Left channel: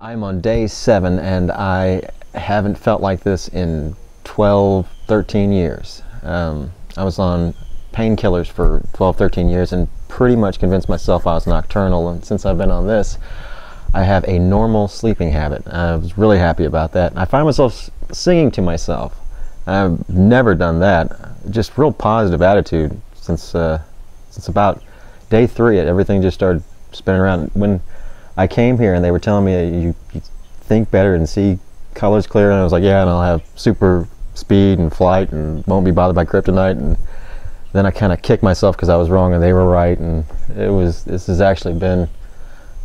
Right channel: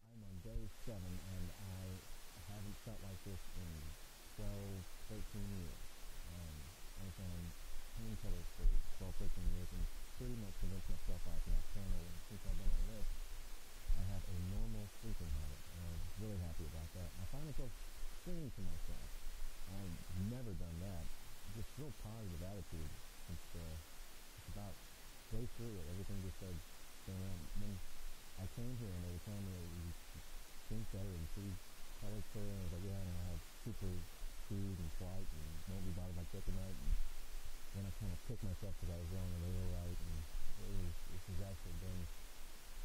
I'm on day 7 and I haven't felt like this in 12, 13 years. I was on painkillers for 12, 13 years and pretty much convinced myself I was nocturnal, and since I've been on this, I have a normal sleeping habit. I was really happy about that. I find myself singing to myself. I've never done that. Just real positive attitude since about day 3. Everything just started spinning around. When I came here and they were telling me you think better and see colors clear, and I was like, yeah, and I'll have super speed and flight and won't be bothered by kryptonite. And then I kind of kicked myself because I was wrong and they were right, and this has actually been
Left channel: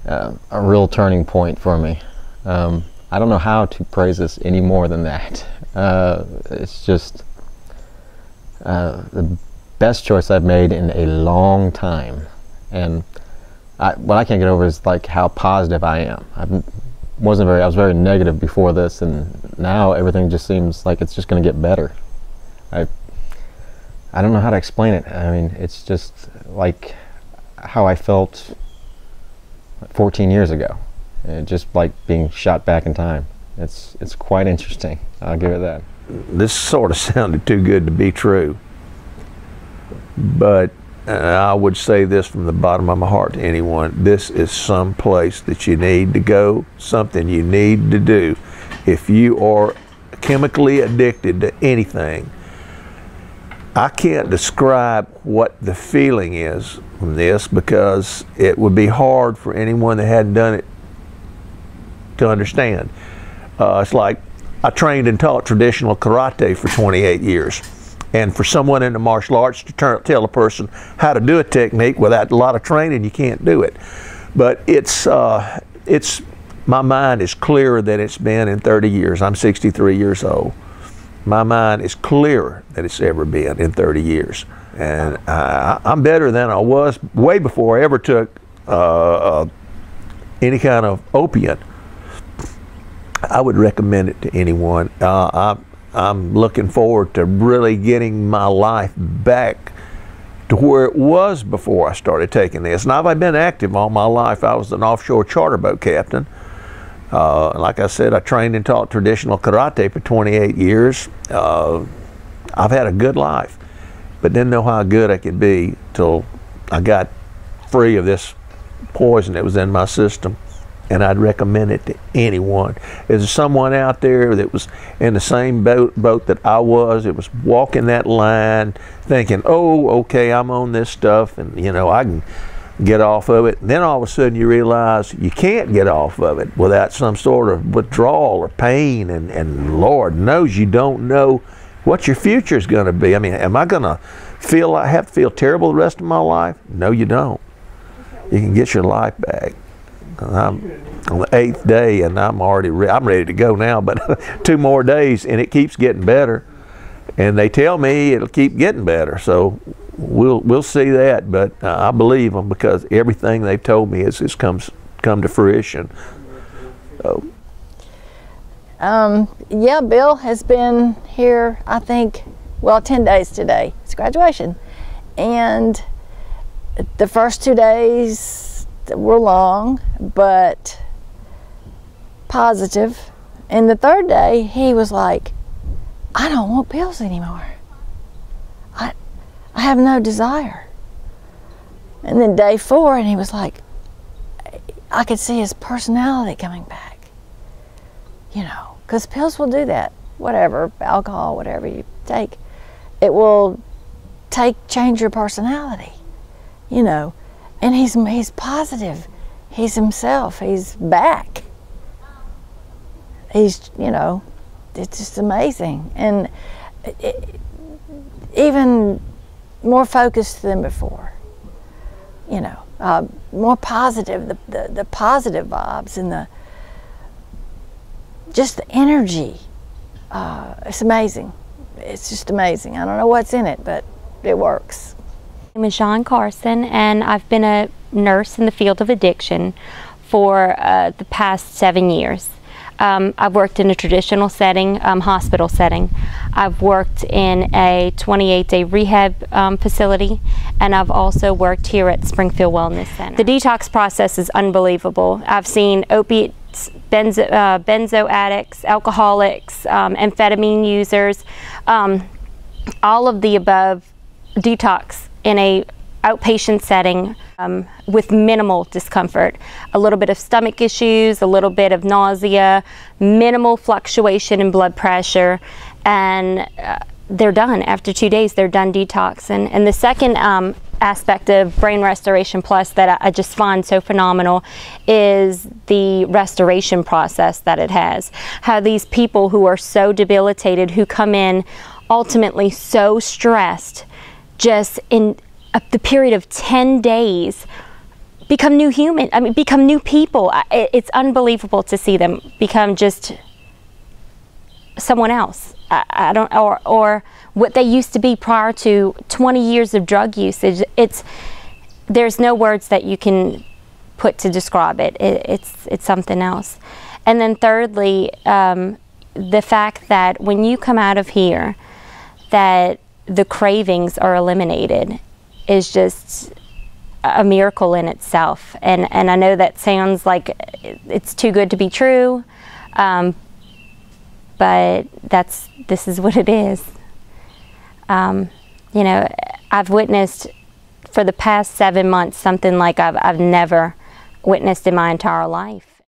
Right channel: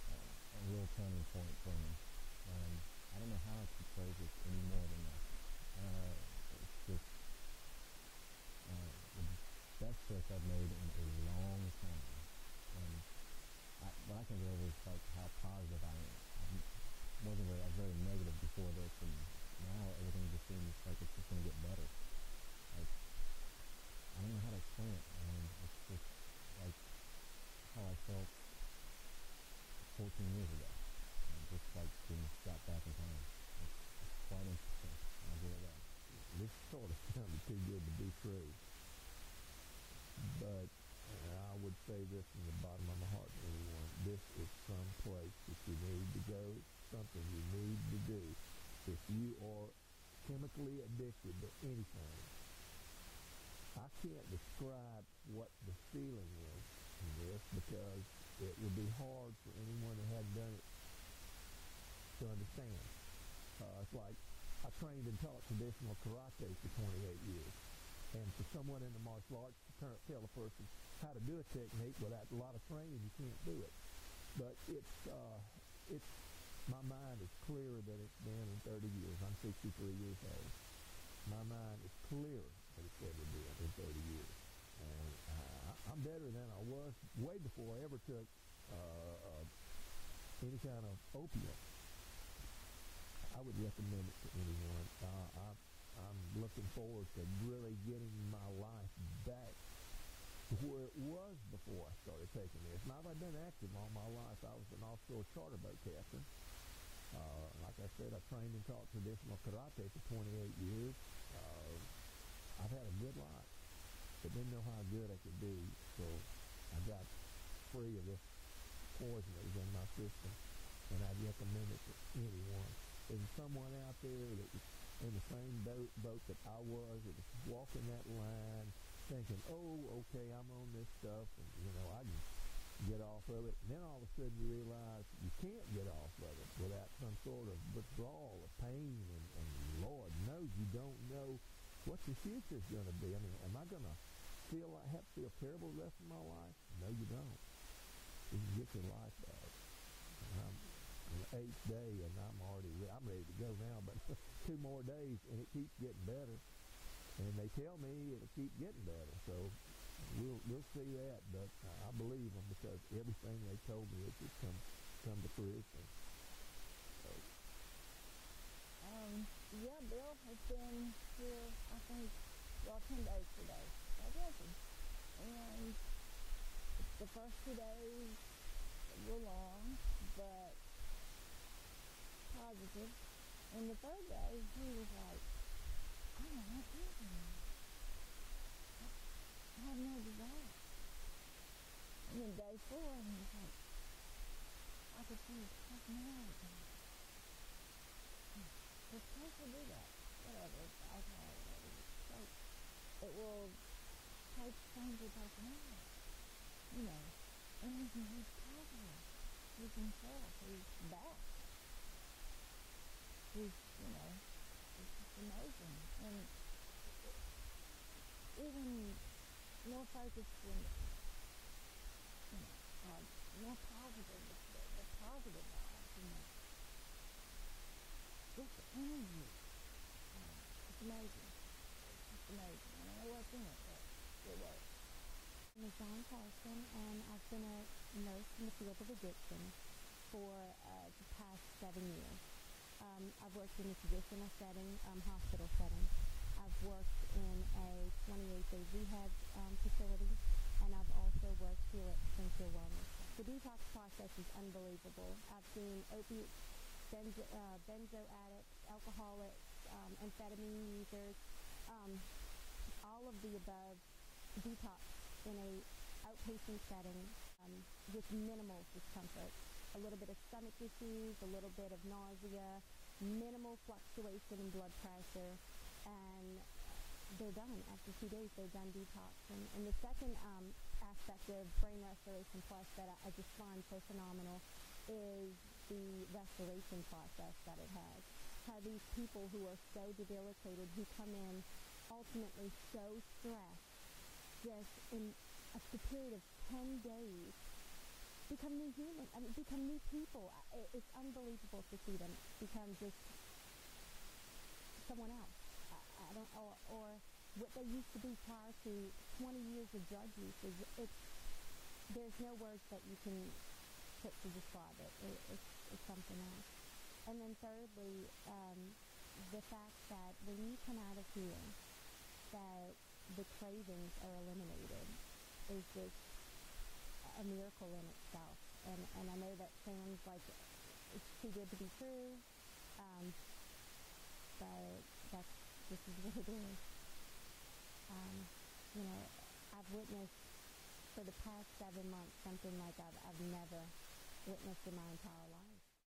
a real turning point for me. I don't know how to praise this any more than that. It's just the best choice I've made in a long time, and what I can't get over is like how positive I am. I was very negative before this, and now everything just seems like it's just going to get better. I don't know how to explain it. I mean, it's just like how I felt 14 years ago, just like being shot back in time. It's quite interesting. I'll give it that. This sort of sounded too good to be true, but I would say this from the bottom of my heart to anyone: this is some place that you need to go, something you need to do. If you are chemically addicted to anything, I can't describe what the feeling is from this, because it would be hard for anyone that hadn't done it to understand. It's like I trained and taught traditional karate for 28 years. And for someone in the martial arts to tell a person how to do a technique without a lot of training, you can't do it. But my mind is clearer than it's been in 30 years. I'm 63 years old. My mind is clearer than it's ever been in 30 years. And I'm better than I was way before I ever took any kind of opiate. I would recommend it to anyone. I'm looking forward to really getting my life back to where it was before I started taking this. Now, I've been active all my life. I was an offshore charter boat captain. Like I said, I trained and taught traditional karate for 28 years. I've had a good life, but didn't know how good I could be till I got free of this poison that was in my system. And I'd recommend it to anyone. Is there someone out there that was in the same boat that I was, that was walking that line, thinking, oh, okay, I'm on this stuff, and you know, I can get off of it. And then all of a sudden you realize you can't get off of it without some sort of withdrawal or pain, and Lord knows you don't know what your future is going to be. I mean, am I going to have to feel terrible the rest of my life? No, you don't. You can get your life back. I'm on the 8th day, and I'm ready to go now, but 2 more days, and it keeps getting better. And they tell me it'll keep getting better, so we'll see that. But I believe them, because everything they've told me has come to fruition. So. Yeah, Bill has been here, I think, well, 10 days today. It's graduation, and the first 2 days were long, but positive. And the 3rd day, he was like, I don't want pills anymore. I have no desire. And then day 4, and he was like, I could see his personality coming back. You know, because pills will do that. Whatever, alcohol, whatever you take, it will change your personality, you know. And he's positive. He's himself. He's back. He's, you know, it's just amazing. And even more focused than before. You know, more positive, the positive vibes and just the energy. It's amazing. It's just amazing. I don't know what's in it, but it works. My name is John Carson, and I've been a nurse in the field of addiction for the past 7 years. I've worked in a traditional setting, hospital setting. I've worked in a 28-day rehab facility, and I've also worked here at Springfield Wellness Center. The detox process is unbelievable. I've seen opiates benzo addicts, alcoholics, amphetamine users, all of the above, detox in a outpatient setting with minimal discomfort, a little bit of stomach issues, a little bit of nausea, minimal fluctuation in blood pressure, and they're done. After 2 days, they're done detox. And the second aspect of Brain Restoration Plus that I just find so phenomenal is the restoration process that it has. How these people who are so debilitated, who come in ultimately so stressed, just in the period of 10 days, become new human. I mean, become new people. It's unbelievable to see them become just someone else. I don't, or what they used to be prior to 20 years of drug usage. There's no words that you can put to describe it. It's something else. And then thirdly, the fact that when you come out of here, that the cravings are eliminated is just a miracle in itself. And I know that sounds like it's too good to be true, but this is what it is. You know, I've witnessed for the past 7 months something like I've never witnessed in my entire life.